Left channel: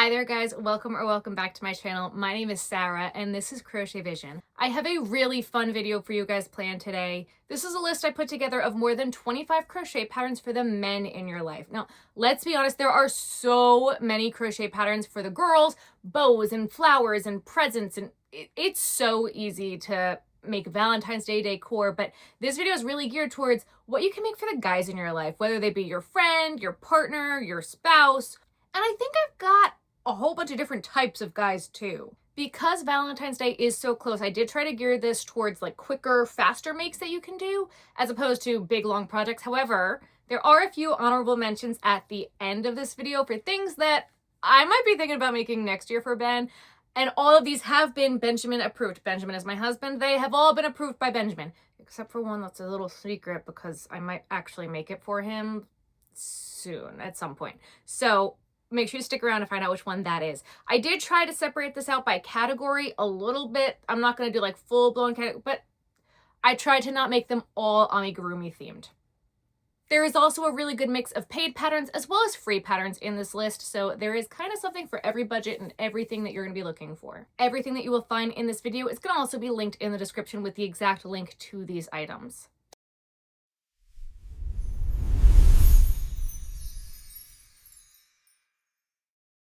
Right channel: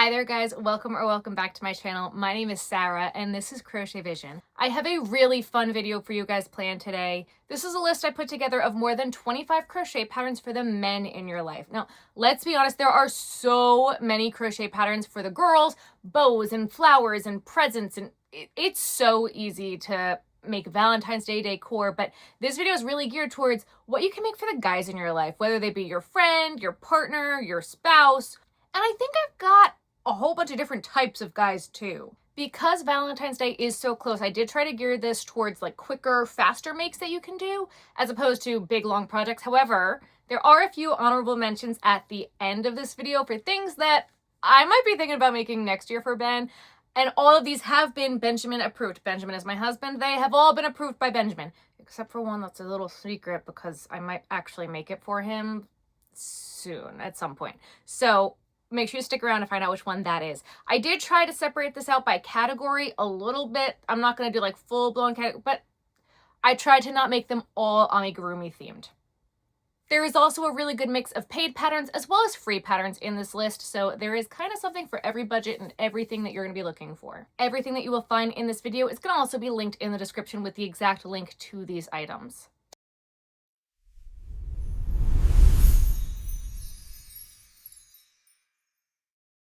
Hi there guys, welcome back to my channel. My name is Sarah and this is Crochet Vision. I have a really fun video for you guys planned today. This is a list I put together of more than 25 crochet patterns for the men in your life. Now, let's be honest, there are so many crochet patterns for the girls, bows and flowers and presents, and it's so easy to make Valentine's Day decor, but this video is really geared towards what you can make for the guys in your life, whether they be your friend, your partner, your spouse. And I think I've got a whole bunch of different types of guys too. Because Valentine's Day is so close, I did try to gear this towards like quicker, faster makes that you can do, as opposed to big, long projects. However, there are a few honorable mentions at the end of this video for things that I might be thinking about making next year for Ben. And all of these have been Benjamin approved. Benjamin is my husband. They have all been approved by Benjamin, except for one that's a little secret because I might actually make it for him soon at some point. So make sure you stick around to find out which one that is. I did try to separate this out by category a little bit. I'm not going to do like full-blown category, but I tried to not make them all amigurumi themed. There is also a really good mix of paid patterns as well as free patterns in this list, so there is kind of something for every budget and everything that you're going to be looking for. Everything that you will find in this video is going to also be linked in the description with the exact link to these items.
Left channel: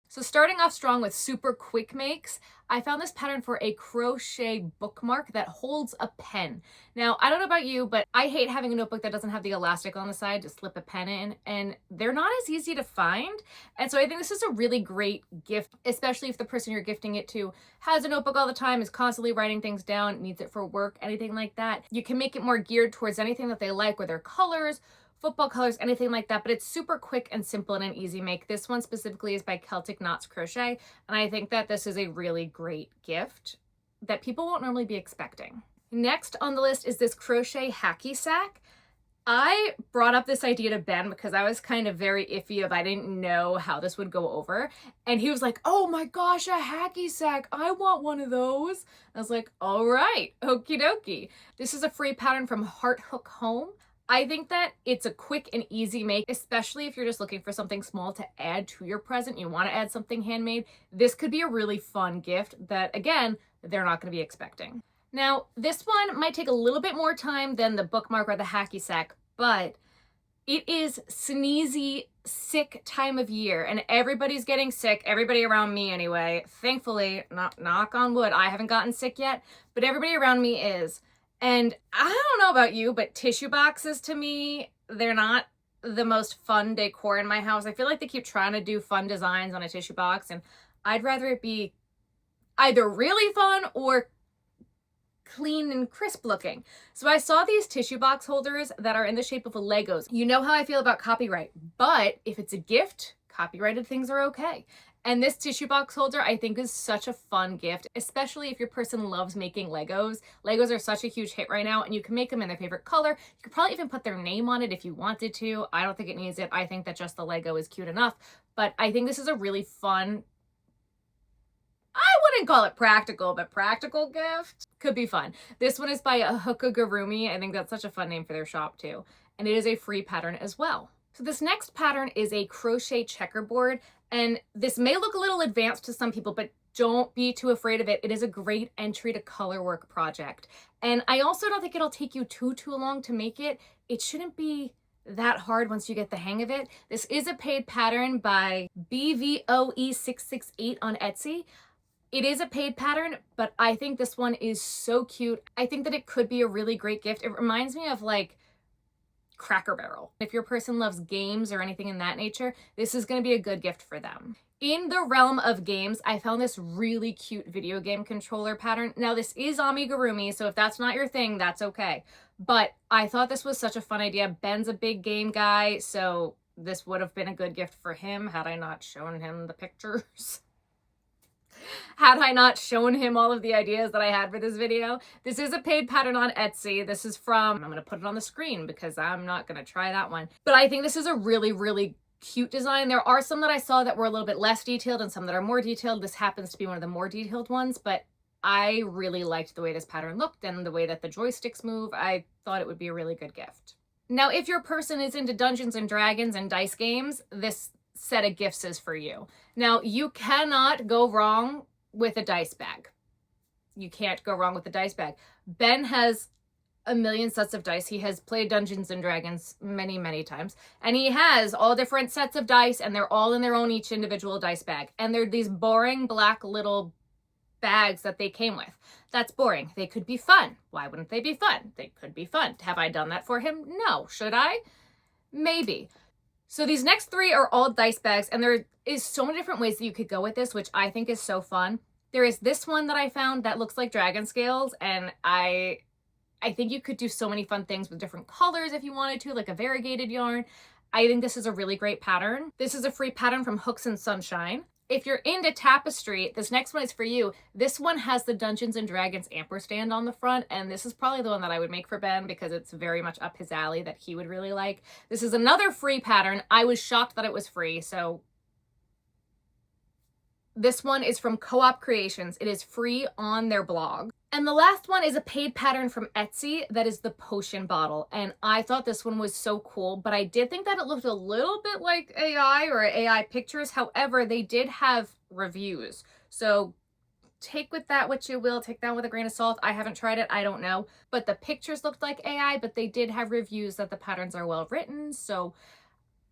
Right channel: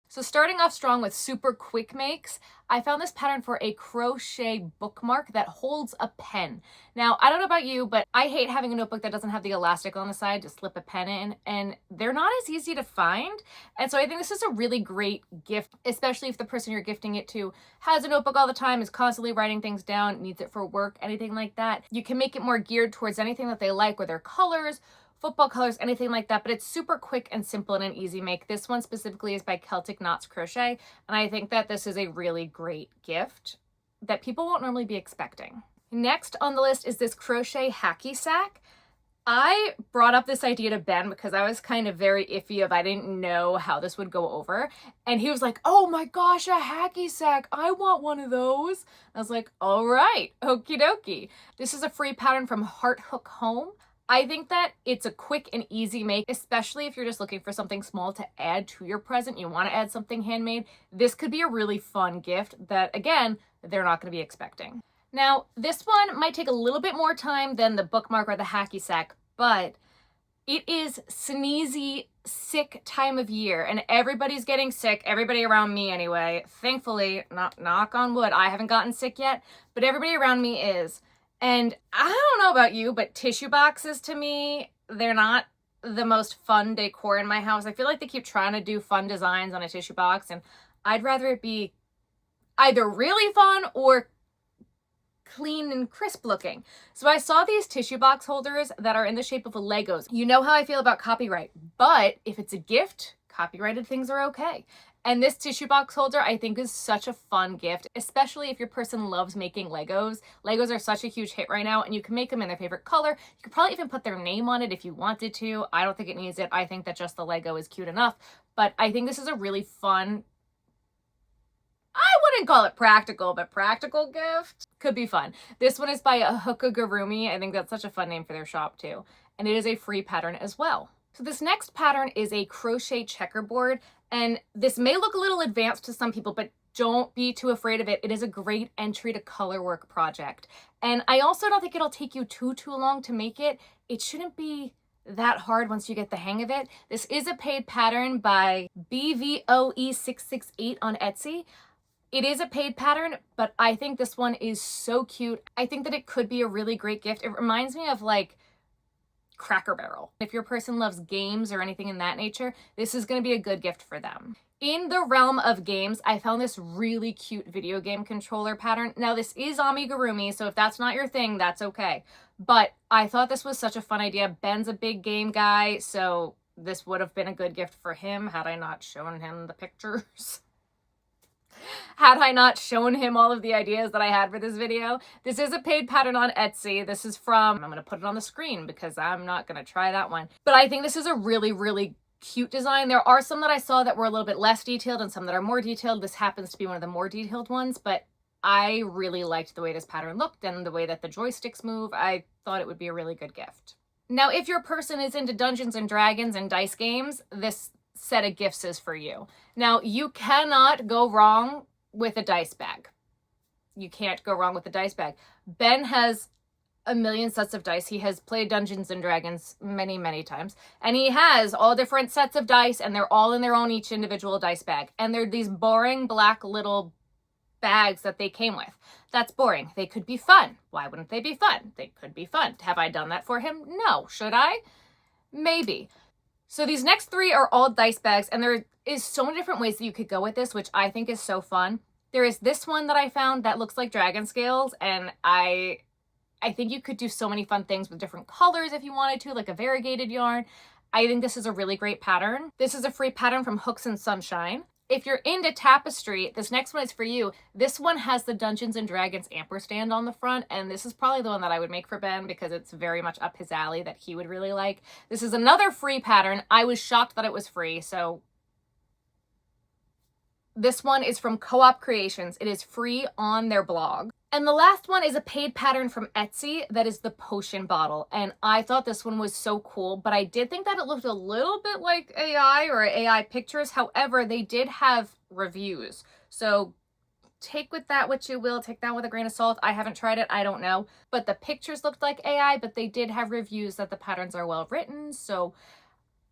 So starting off strong with super quick makes, I found this pattern for a crochet bookmark that holds a pen. Now, I don't know about you, but I hate having a notebook that doesn't have the elastic on the side to slip a pen in, and they're not as easy to find. And so I think this is a really great gift, especially if the person you're gifting it to has a notebook all the time, is constantly writing things down, needs it for work, anything like that. You can make it more geared towards anything that they like, whether colors, football colors, anything like that, but it's super quick and simple and an easy make. This one specifically is by Celtic Crochet, and I think that this is a really great gift that people won't normally be expecting. Next on the list is this crochet hacky sack. I brought up this idea to Ben because I was kind of very iffy I didn't know how this would go over, and he was like, oh my gosh, a hacky sack, I want one of those. I was like, all right, okie dokie. This is a free pattern from Heart Hook Home. I think that it's a quick and easy make, especially if you're just looking for something small to add to your present. You want to add something handmade. This could be a really fun gift that, again, they're not going to be expecting. Now, this one might take a little bit more time than the bookmark or the hacky sack, but it is sneezy, sick time of year, and everybody's getting sick. Everybody around me anyway. Thankfully, knock on wood, I haven't gotten sick yet, but everybody around me is. And I don't know about you, but tissue boxes to me, they're not the most fun decor in my house. I feel like they keep trying to do fun designs on a tissue box, and I'd rather it be either really fun or clean and crisp looking. So I saw these tissue box holders that are in the shape of Legos. You know how I feel about copyright, but if it's a gift, copyrighted things are okay. And this tissue box holder, I think, is such a fun gift, especially if your person loves making Legos. Legos are such a huge hit right now, and you can make them in their favorite color. You could probably even put their name on it if you wanted to. I don't think it needs it. I think that just the Lego is cute enough. But I think this is a really fun, I wouldn't call it practical, but practical gift. Could be fun. This one is by Ahookamigurimi. I think that's such a fun name for their shop too. And it is a free pattern as well. So this next pattern is a crochet checkerboard. And this may look a little advanced to some people, but don't be too afraid of it. It is a great entry to color work project. And I also don't think it'll take you too long to make it. It shouldn't be that hard once you get the hang of it. This is a paid pattern by BVOE668 on Etsy. It is a paid pattern, but I think this one is so cute. I think that it could be a really great gift. It reminds me of like Cracker Barrel. If your person loves games or anything in that nature, this is going to be a good gift for them. In the realm of games, I found this really cute video game controller pattern. Now, this is amigurumi, so if that's not your thing, that's okay. But I thought this was such a fun idea. Ben's a big game guy, so this would have been a good gift for him had I not shown him the pictures. Had I not shown him all of the ideas that I had for this video. This is a paid pattern on Etsy. This is from, I'm going to put it on the screen because I'm not going to try that one. But I think this is a really, really cute design. There are some that I saw that were a little bit less detailed and some that are more detailed. This happens to be one of the more detailed ones, but I really liked the way this pattern looked and the way that the joysticks move. I thought it would be a really good gift. Now, if your person is into Dungeons and Dragons and dice games, this set of gifts is for you. Now, you cannot go wrong with a dice bag. You can't go wrong with a dice bag. Ben has a million sets of dice. He has played Dungeons and Dragons many, many times. And he has all different sets of dice, and they're all in their own each individual dice bag. And they're these boring black little bags that they came with. That's boring. They could be fun. Why wouldn't they be fun? They could be fun. Have I done that for him? No. Should I? Maybe. So these next three are all dice bags, and there is so many different ways that you could go with this, which I think is so fun. There is this one that I found that looks like dragon scales, and I think you could do so many fun things with different colors if you wanted to, like a variegated yarn. I think this is a really great pattern. This is a free pattern from Hooks and Sunshine. If you're into tapestry, this next one is for you. This one has the Dungeons and Dragons ampersand on the front, and this is probably the one that I would make for Ben because it's very much up his alley that he would really like. This is another free pattern. I was shocked that it was free, so this one is from Co-op Creations. It is free on their blog. And the last one is a paid pattern from Etsy that is the potion bottle. And I thought this one was so cool, but I did think that it looked a little bit like AI or AI pictures. However, they did have reviews. So take with that what you will, take that with a grain of salt. I haven't tried it, I don't know. But the pictures looked like AI, but they did have reviews that the patterns are well written. So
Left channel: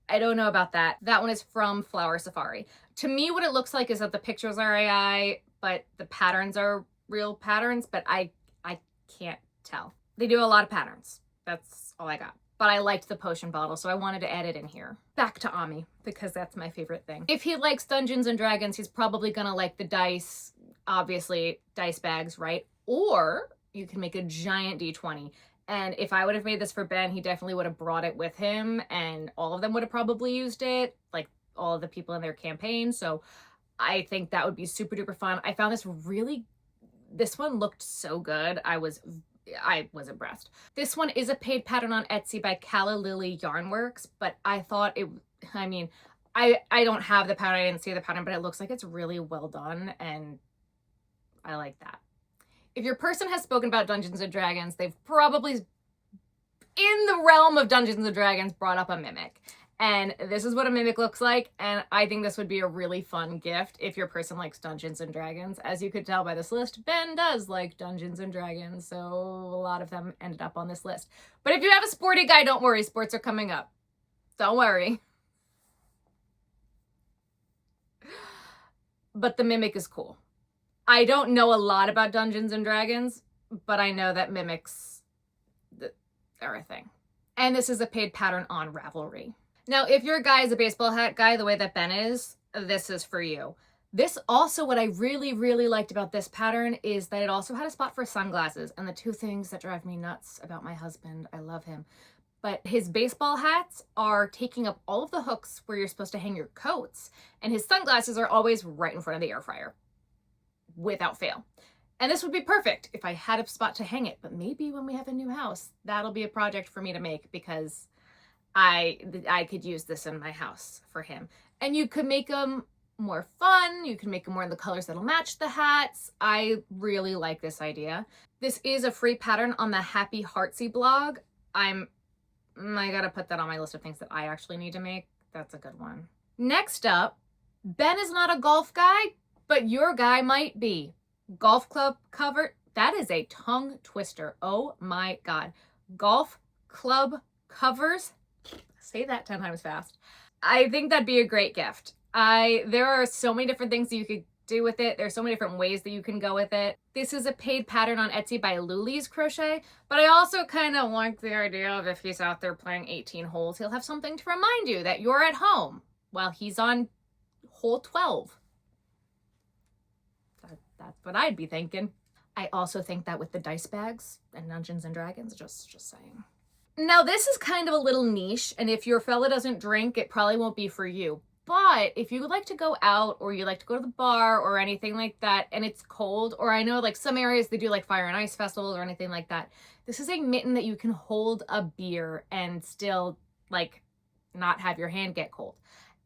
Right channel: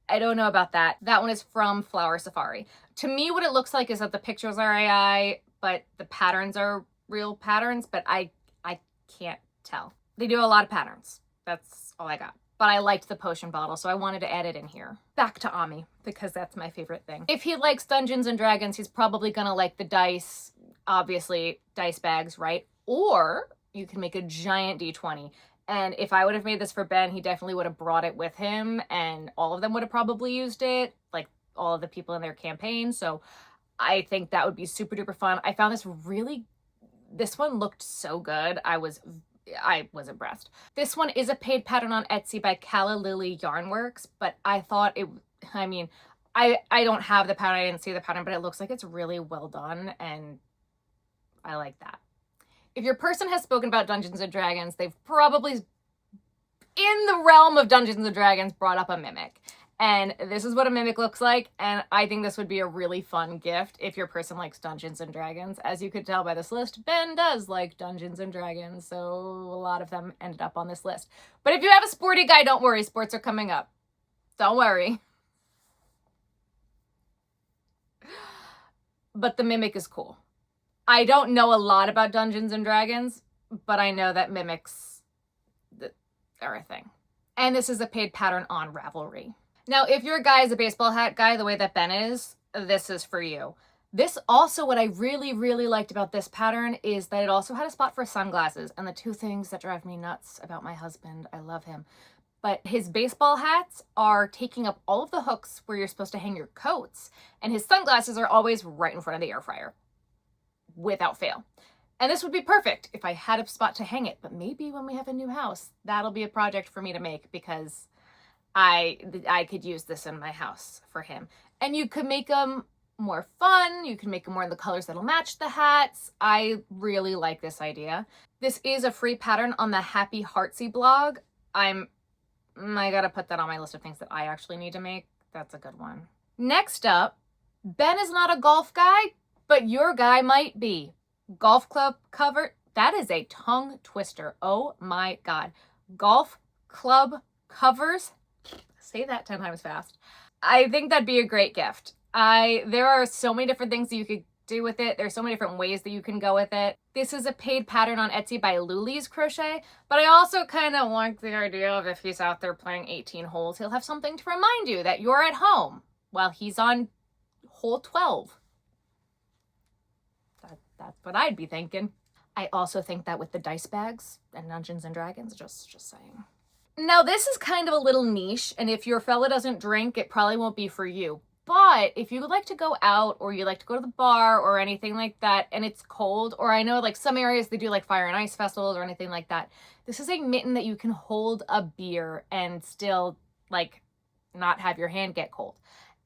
I don't know about that. That one is from FlowerSafari. To me, what it looks like is that the pictures are AI, but the patterns are real patterns, but I can't tell. They do a lot of patterns. That's all I got. But I liked the potion bottle, so I wanted to add it in here. Back to Ami, because that's my favorite thing. If he likes Dungeons and Dragons, he's probably gonna like the dice, obviously, dice bags, right? Or you can make a giant D20. And if I would have made this for Ben, he definitely would have brought it with him, and all of them would have probably used it, like all of the people in their campaign. So I think that would be super duper fun. I found this one looked so good. I was impressed. This one is a paid pattern on Etsy by CallaLilyYarnWorks, but I thought I don't have the pattern, I didn't see the pattern, but it looks like it's really well done, and I like that. If your person has spoken about Dungeons and Dragons, they've probably, in the realm of Dungeons and Dragons, brought up a mimic. And this is what a mimic looks like, and I think this would be a really fun gift if your person likes Dungeons and Dragons. As you could tell by this list, Ben does like Dungeons and Dragons, so a lot of them ended up on this list. But if you have a sporty guy, don't worry, sports are coming up. Don't worry. But the mimic is cool. I don't know a lot about Dungeons and Dragons, but I know that mimics are a thing. And this is a paid pattern on Ravelry. Now, if your guy is a baseball hat guy, the way that Ben is, this is for you. This also, what I really, really liked about this pattern is that it also had a spot for sunglasses. And the two things that drive me nuts about my husband, I love him, but his baseball hats are taking up all of the hooks where you're supposed to hang your coats. And his sunglasses are always right in front of the air fryer, without fail. And this would be perfect if I had a spot to hang it. But maybe when we have a new house, that'll be a project for me to make, because I could use this in my house for him. And you could make them more fun. You can make them more in the colors that'll match the hats. I really like this idea. This is a free pattern on the Happy Heartsy blog. I gotta put that on my list of things that I actually need to make. That's a good one. Next up, Ben is not a golf guy, but your guy might be. Golf club cover. That is a tongue twister. Oh my God. Golf club covers. Say that 10 times fast. I think that'd be a great gift. There are so many different things that you could do with it. There's so many different ways that you can go with it. This is a paid pattern on Etsy by Lulees Crochet, but I also kind of like the idea of if he's out there playing 18 holes, he'll have something to remind you that you're at home while he's on hole 12. That's what I'd be thinking. I also think that with the dice bags and Dungeons and Dragons, just saying. Now, this is kind of a little niche, and if your fella doesn't drink, it probably won't be for you. But if you would like to go out, or you like to go to the bar or anything like that, and it's cold, or I know like some areas they do like fire and ice festivals or anything like that, this is a mitten that you can hold a beer and still like not have your hand get cold.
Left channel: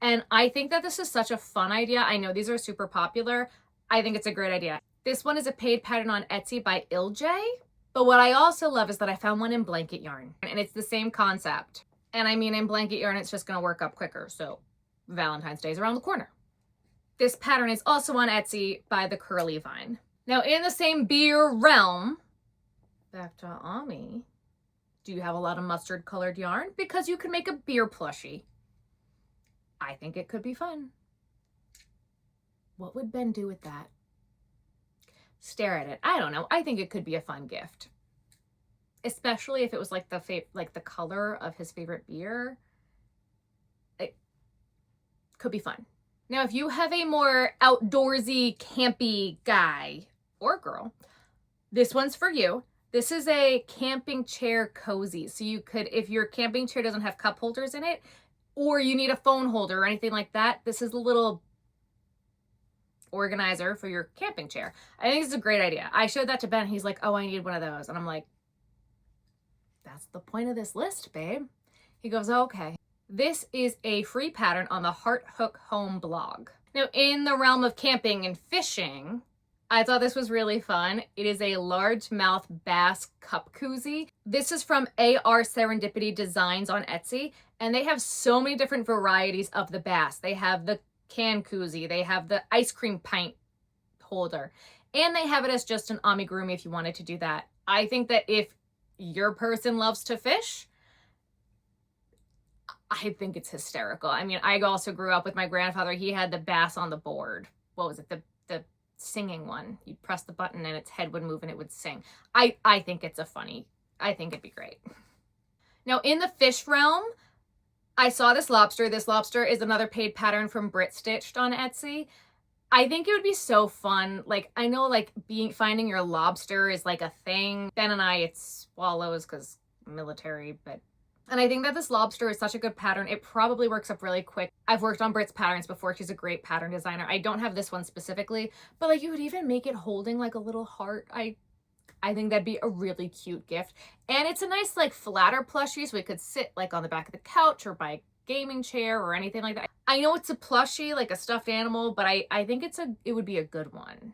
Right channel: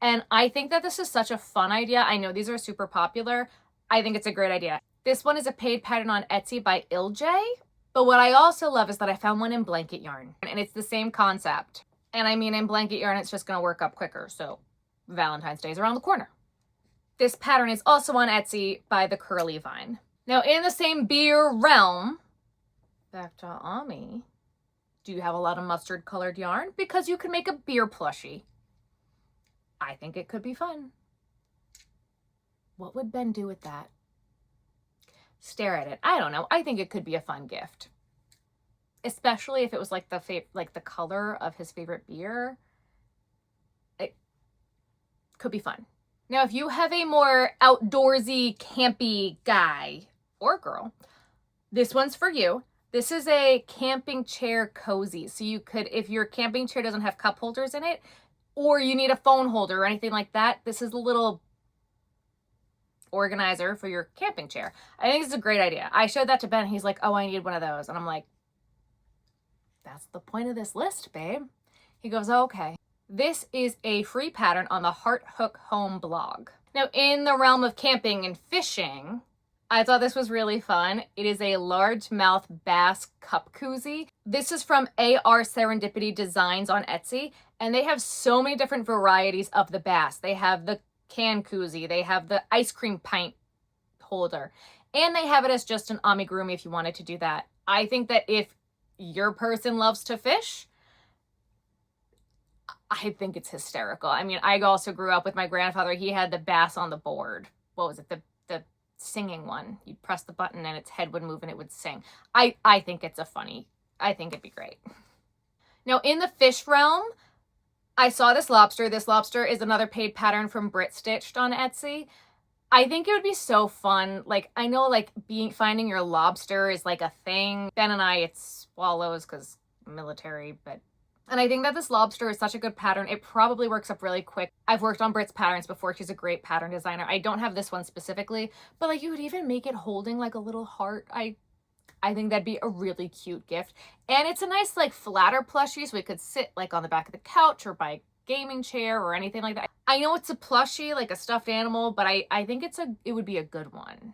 And I think that this is such a fun idea. I know these are super popular. I think it's a great idea. This one is a paid pattern on Etsy by iliJay. But what I also love is that I found one in blanket yarn, and it's the same concept. And I mean, in blanket yarn, it's just going to work up quicker. So Valentine's Day is around the corner. This pattern is also on Etsy by the Curly Vine. Now in the same beer realm, back to Ami, do you have a lot of mustard colored yarn? Because you can make a beer plushie. I think it could be fun. What would Ben do with that? Stare at it. I don't know. I think it could be a fun gift. Especially if it was like the color of his favorite beer. It could be fun. Now, if you have a more outdoorsy, campy guy or girl, this one's for you. This is a camping chair cozy. So you could, if your camping chair doesn't have cup holders in it, or you need a phone holder or anything like that, this is a little organizer for your camping chair. I think it's a great idea. I showed that to Ben. He's like, oh, I need one of those. And I'm like, that's the point of this list, babe. He goes, oh, okay. This is a free pattern on the Heart Hook Home blog. Now, in the realm of camping and fishing, I thought this was really fun. It is a largemouth bass cup koozie. This is from ARSerendipityDesigns on Etsy, and they have so many different varieties of the bass. They have the can koozie, they have the ice cream pint holder, and they have it as just an amigurumi if you wanted to do that. I think that if your person loves to fish, I think it's hysterical. I mean, I also grew up with my grandfather. He had the bass on the board. What was it? The singing one. You'd press the button and its head would move and it would sing. I think it's I think it'd be great. Now, in the fish realm, I saw this lobster. This lobster is another paid pattern from Brit Stitched on Etsy. I think it would be so fun. Like, I know like finding your lobster is like a thing. Ben and I, it's swallows because military, and I think that this lobster is such a good pattern. It probably works up really quick. I've worked on Brit's patterns before. She's a great pattern designer. I don't have this one specifically, but like you would even make it holding like a little heart. I think that'd be a really cute gift. And it's a nice like flatter plushie, so it could sit like on the back of the couch or by a gaming chair or anything like that. I know it's a plushie, like a stuffed animal, but I think it would be a good one.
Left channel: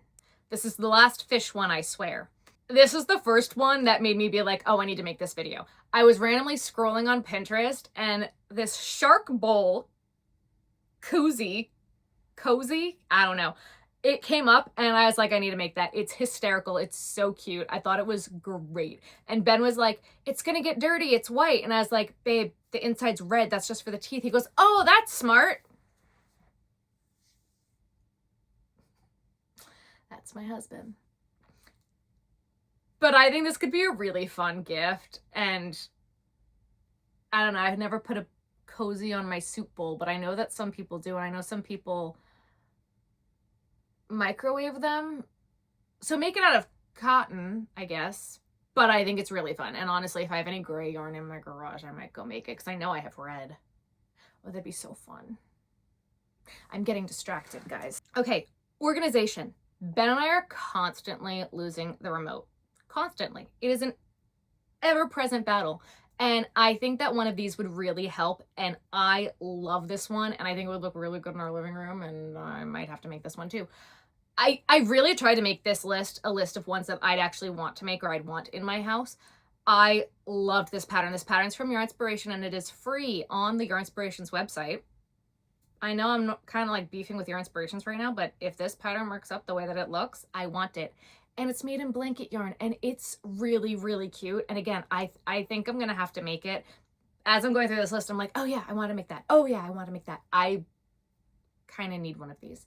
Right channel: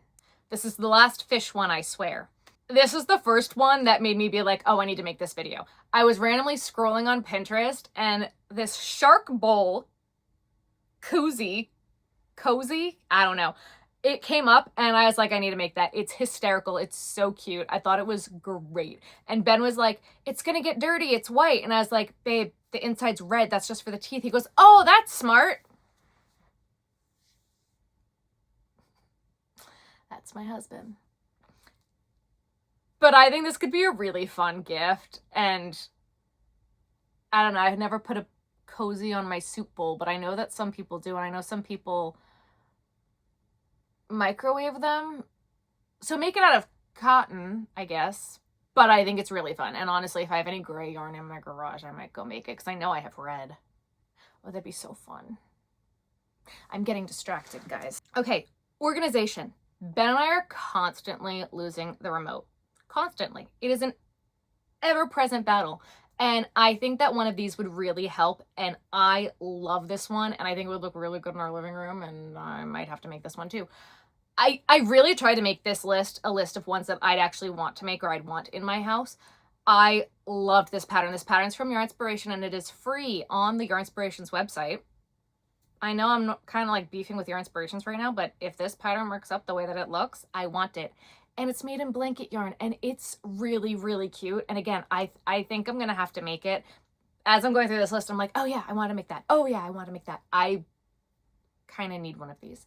This is the last fish one, I swear. This is the first one that made me be like, oh, I need to make this video. I was randomly scrolling on Pinterest and this shark bowl cozy, I don't know. It came up and I was like, I need to make that. It's hysterical. It's so cute. I thought it was great. And Ben was like, it's going to get dirty. It's white. And I was like, babe, the inside's red. That's just for the teeth. He goes, oh, that's smart. That's my husband. But I think this could be a really fun gift. And I don't know, I've never put a cozy on my soup bowl, but I know that some people do. And I know some people microwave them. So make it out of cotton, I guess. But I think it's really fun. And honestly, if I have any gray yarn in my garage, I might go make it because I know I have red. Oh, that'd be so fun. I'm getting distracted, guys. Okay, organization. Ben and I are constantly losing the remote. Constantly. It is an ever-present battle. And I think that one of these would really help. And I love this one. And I think it would look really good in our living room. And I might have to make this one too. I really tried to make this list a list of ones that I'd actually want to make or I'd want in my house. I loved this pattern. This pattern's from Yarnspiration and it is free on the Yarnspirations website. I know I'm kind of like beefing with Yarnspirations right now, but if this pattern works up the way that it looks, I want it. And it's made in blanket yarn and it's really, really cute. And again, I think I'm going to have to make it. As I'm going through this list, I'm like, oh yeah, I want to make that. Oh yeah, I want to make that. I kind of need one of these.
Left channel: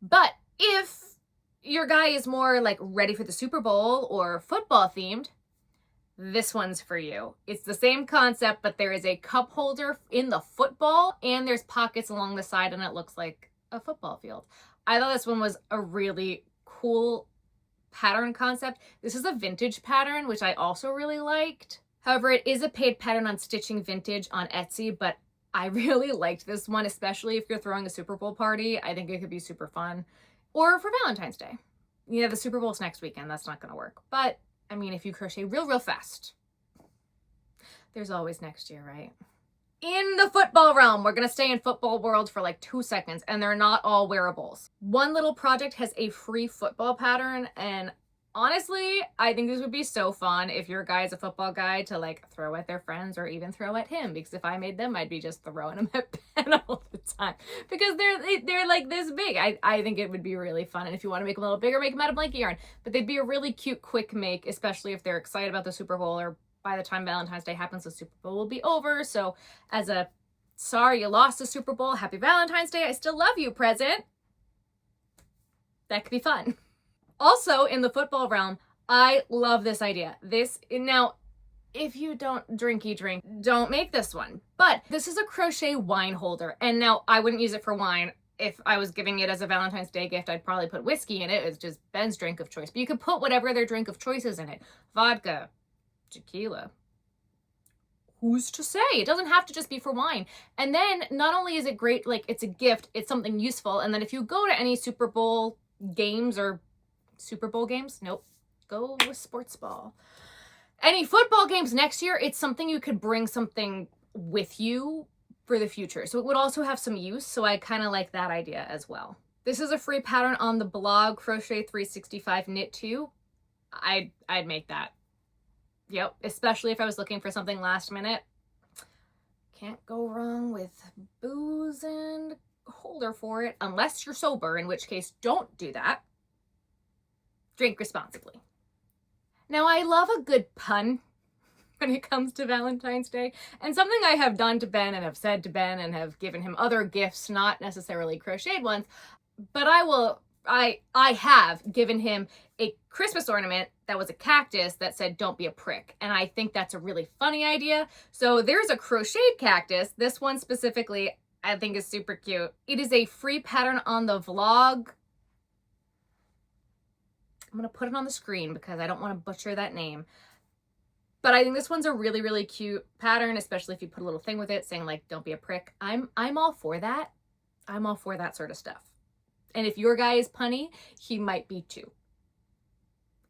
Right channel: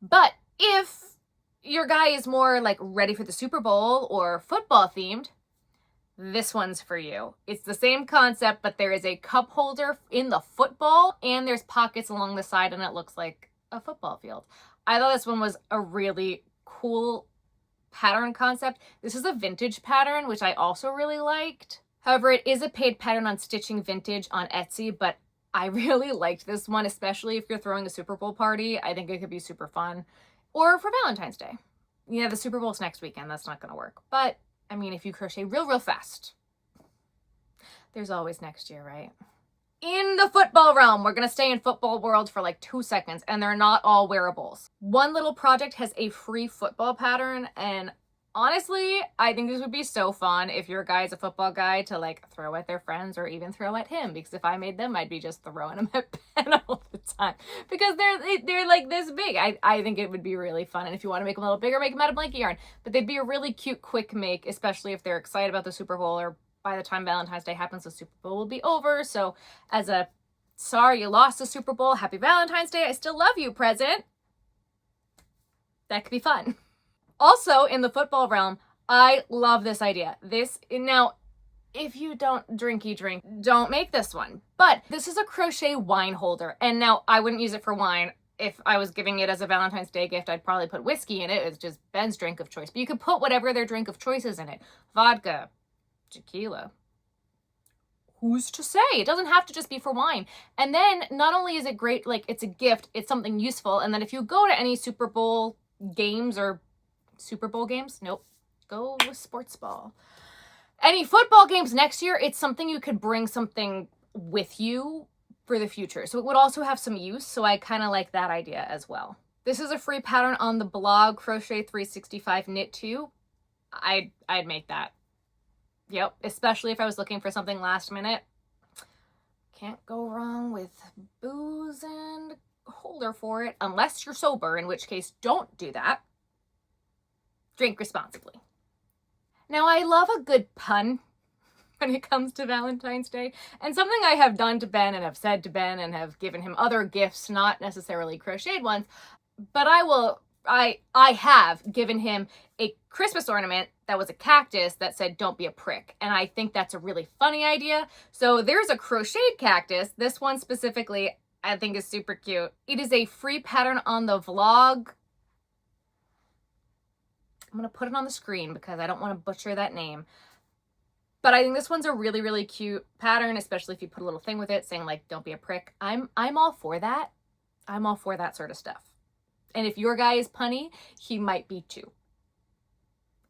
But if your guy is more like ready for the Super Bowl or football themed, this one's for you. It's the same concept, but there is a cup holder in the football and there's pockets along the side and it looks like a football field. I thought this one was a really cool pattern concept. This is a vintage pattern, which I also really liked. However, it is a paid pattern on Stitching Vintage on Etsy, but I really liked this one, especially if you're throwing a Super Bowl party. I think it could be super fun. Or for Valentine's Day. Yeah, the Super Bowl's next weekend. That's not going to work. But, I mean, if you crochet real fast, there's always next year, right? In the football realm, we're going to stay in football world for like 2 seconds, and they're not all wearables. One Little Project has a free football pattern, and Honestly, I think this would be so fun if your guy's a football guy to like throw at their friends or even throw at him, because if I made them, I'd be just throwing them at Ben all the time because they're like this big. I think it would be really fun. And if you want to make them a little bigger, make them out of blanket yarn. But they'd be a really cute quick make, especially if they're excited about the Super Bowl, or by the time Valentine's Day happens, the Super Bowl will be over. So as a sorry you lost the Super Bowl, happy Valentine's Day, I still love you present, that could be fun. Also, in the football realm, I love this idea. Now, if you don't drinky drink, don't make this one. But this is a crochet wine holder. And now, I wouldn't use it for wine. If I was giving it as a Valentine's Day gift, I'd probably put whiskey in it. It's just Ben's drink of choice. But you could put whatever their drink of choice is in it. Vodka, tequila. Who's to say? It doesn't have to just be for wine. And then, not only is it great, like, it's a gift, it's something useful. And then if you go to any Super Bowl games or Super Bowl games? Nope. Go with sports ball. Any football games next year, it's something you could bring something with you for the future. So it would also have some use. So I kind of like that idea as well. This is a free pattern on the blog, Crochet 365 Knit 2. I'd make that. Yep. Especially if I was looking for something last minute. Can't go wrong with booze and holder for it, unless you're sober, in which case don't do that. Drink responsibly. Now, I love a good pun when it comes to Valentine's Day, and something I have done to Ben and have said to Ben and have given him other gifts, not necessarily crocheted ones, but I have given him a Christmas ornament that was a cactus that said, "Don't be a prick." And I think that's a really funny idea. So there's a crocheted cactus. This one specifically, I think is super cute. It is a free pattern on the vlog. I'm going to put it on the screen because I don't want to butcher that name. But I think this one's a really, really cute pattern, especially if you put a little thing with it saying like, "Don't be a prick." I'm all for that. I'm all for that sort of stuff. And if your guy is punny, he might be too.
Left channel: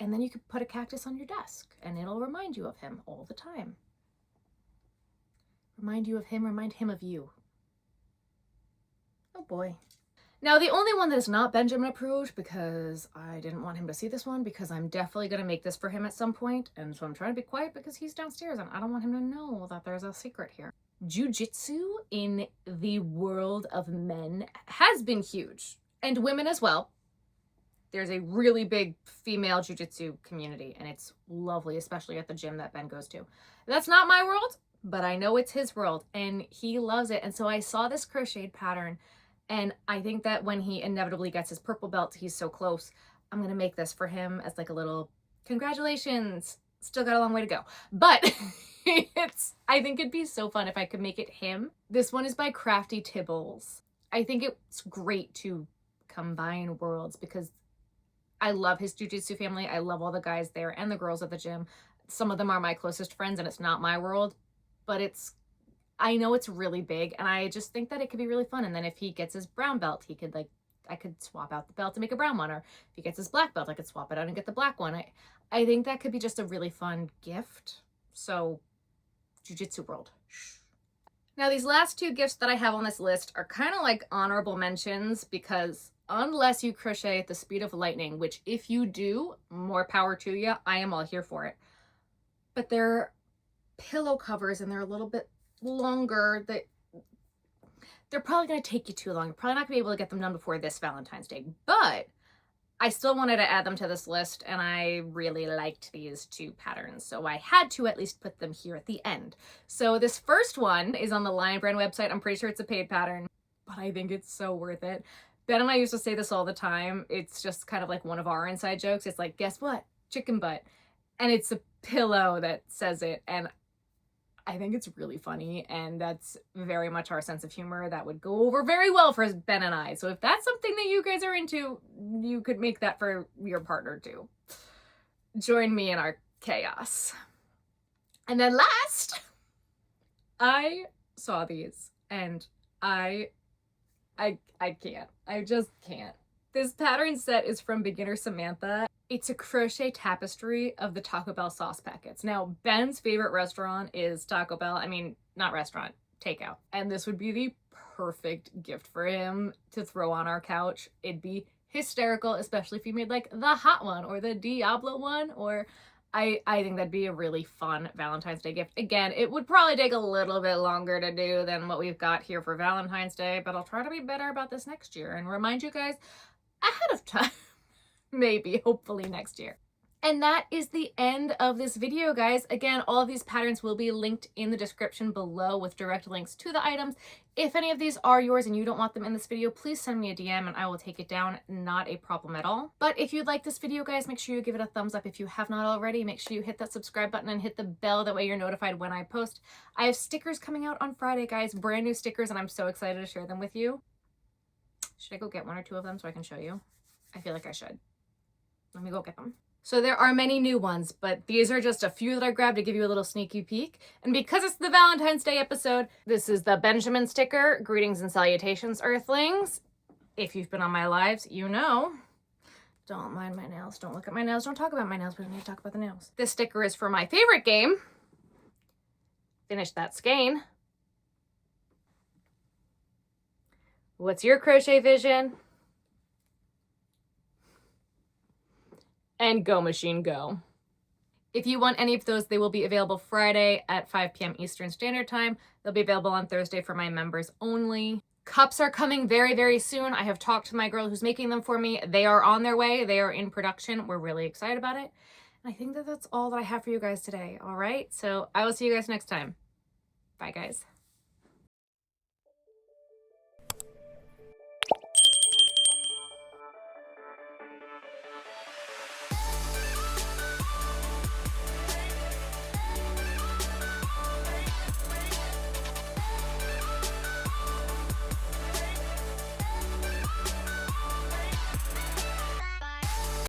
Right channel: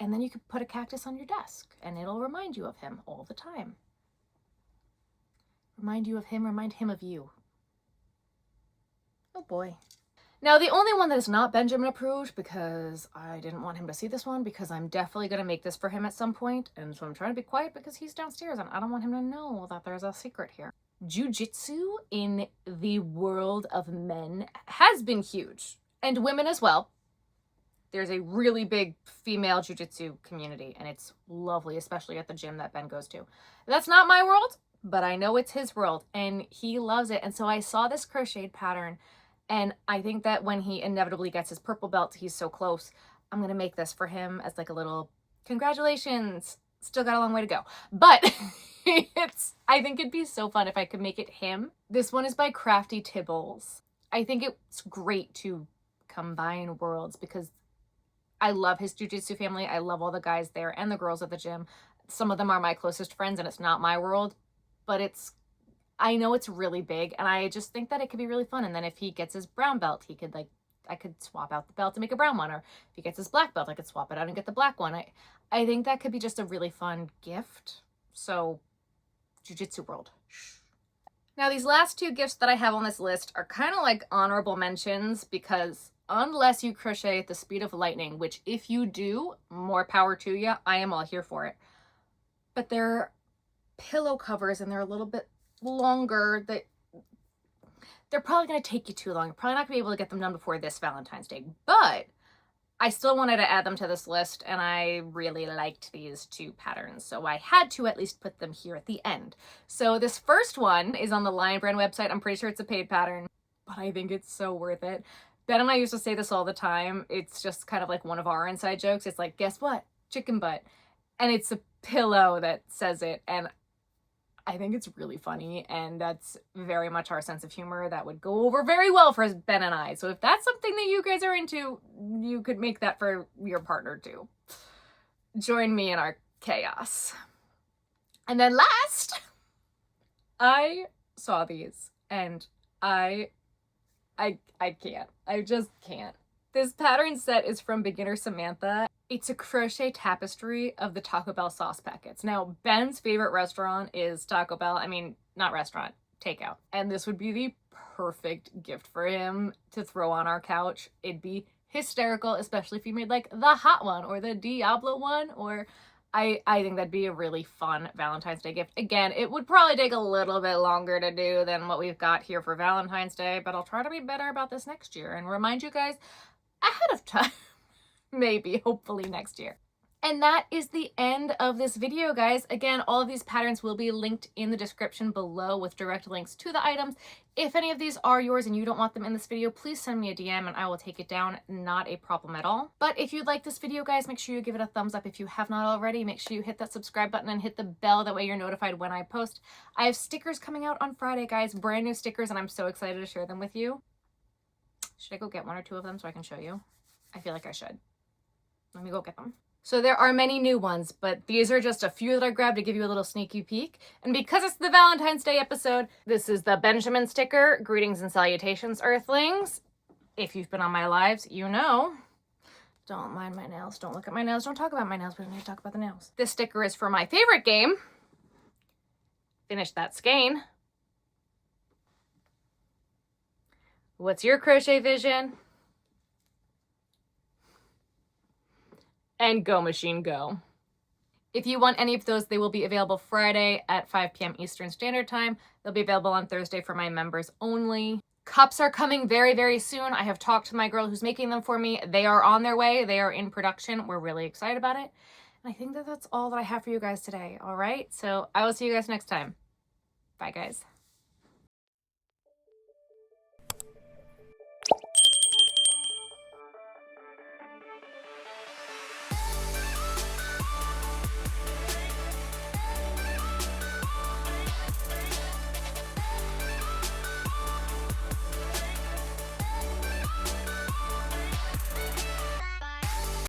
And then you could put a cactus on your desk and it'll remind you of him all the time. Remind you of him, remind him of you. Oh boy. Now, the only one that is not Benjamin approved, because I didn't want him to see this one, because I'm definitely going to make this for him at some point, and so I'm trying to be quiet because he's downstairs and I don't want him to know that there's a secret here. Jiu-jitsu in the world of men has been huge, and women as well. There's a really big female jiu-jitsu community, and it's lovely, especially at the gym that Ben goes to. That's not my world, but I know it's his world, and he loves it. And so I saw this crocheted pattern, and I think that when he inevitably gets his purple belt, he's so close, I'm going to make this for him as like a little congratulations. Still got a long way to go. But I think it'd be so fun if I could make it him. This one is by Crafty Tibbles. I think it's great to combine worlds because I love his jiu-jitsu family. I love all the guys there and the girls at the gym. Some of them are my closest friends, and it's not my world, but I know it's really big, and I just think that it could be really fun. And then if he gets his brown belt, I could swap out the belt to make a brown one, or if he gets his black belt, I could swap it out and get the black one. I think that could be just a really fun gift. So, jiu-jitsu world. Now, these last two gifts that I have on this list are kind of like honorable mentions, because unless you crochet at the speed of lightning, which if you do, more power to you, I am all here for it. But they're pillow covers, and they're a little bit longer. They're probably going to take you too long. You're probably not going to be able to get them done before this Valentine's Day, but I still wanted to add them to this list, and I really liked these two patterns, so I had to at least put them here at the end. So this first one is on the Lion Brand website. I'm pretty sure it's a paid pattern, but I think it's so worth it. Ben and I used to say this all the time. It's just kind of like one of our inside jokes. It's like, guess what? Chicken butt. And it's a pillow that says it, and I think it's really funny, and that's very much our sense of humor. That would go over very well for Ben and I. So if that's something that you guys are into, you could make that for your partner too. Join me in our chaos. And then last, I saw these, and I can't. I just can't. This pattern set is from Beginner Samantha. It's a crochet tapestry of the Taco Bell sauce packets. Now, Ben's favorite restaurant is Taco Bell. I mean, not restaurant, takeout. And this would be the perfect gift for him to throw on our couch. It'd be hysterical, especially if you made like the hot one or the Diablo one, or I think that'd be a really fun Valentine's Day gift. Again, it would probably take a little bit longer to do than what we've got here for Valentine's Day, but I'll try to be better about this next year and remind you guys ahead of time. Maybe, hopefully next year. And that is the end of this video, guys. Again, all of these patterns will be linked in the description below with direct links to the items. If any of these are yours and you don't want them in this video, please send me a DM and I will take it down. Not a problem at all. But if you like this video, guys, make sure you give it a thumbs up. If you have not already, make sure you hit that subscribe button and hit the bell. That way you're notified when I post. I have stickers coming out on Friday, guys. Brand new stickers, and I'm so excited to share them with you. Should I go get one or two of them so I can show you? I feel like I should. Let me go get them. So there are many new ones, but these are just a few that I grabbed to give you a little sneaky peek. And because it's the Valentine's Day episode, this is the Benjamin sticker. Greetings and salutations, Earthlings. If you've been on my lives, you know. Don't mind my nails. Don't look at my nails. Don't talk about my nails. We don't need to talk about the nails. This sticker is for my favorite game. Finish that skein. What's your crochet vision? And go machine go. If you want any of those, they will be available Friday at 5 p.m. Eastern Standard Time. They'll be available on Thursday for my members only. Cups are coming very, very soon. I have talked to my girl who's making them for me. They are on their way. They are in production. We're really excited about it. And I think that that's all that I have for you guys today. All right. So I will see you guys next time. Bye, guys.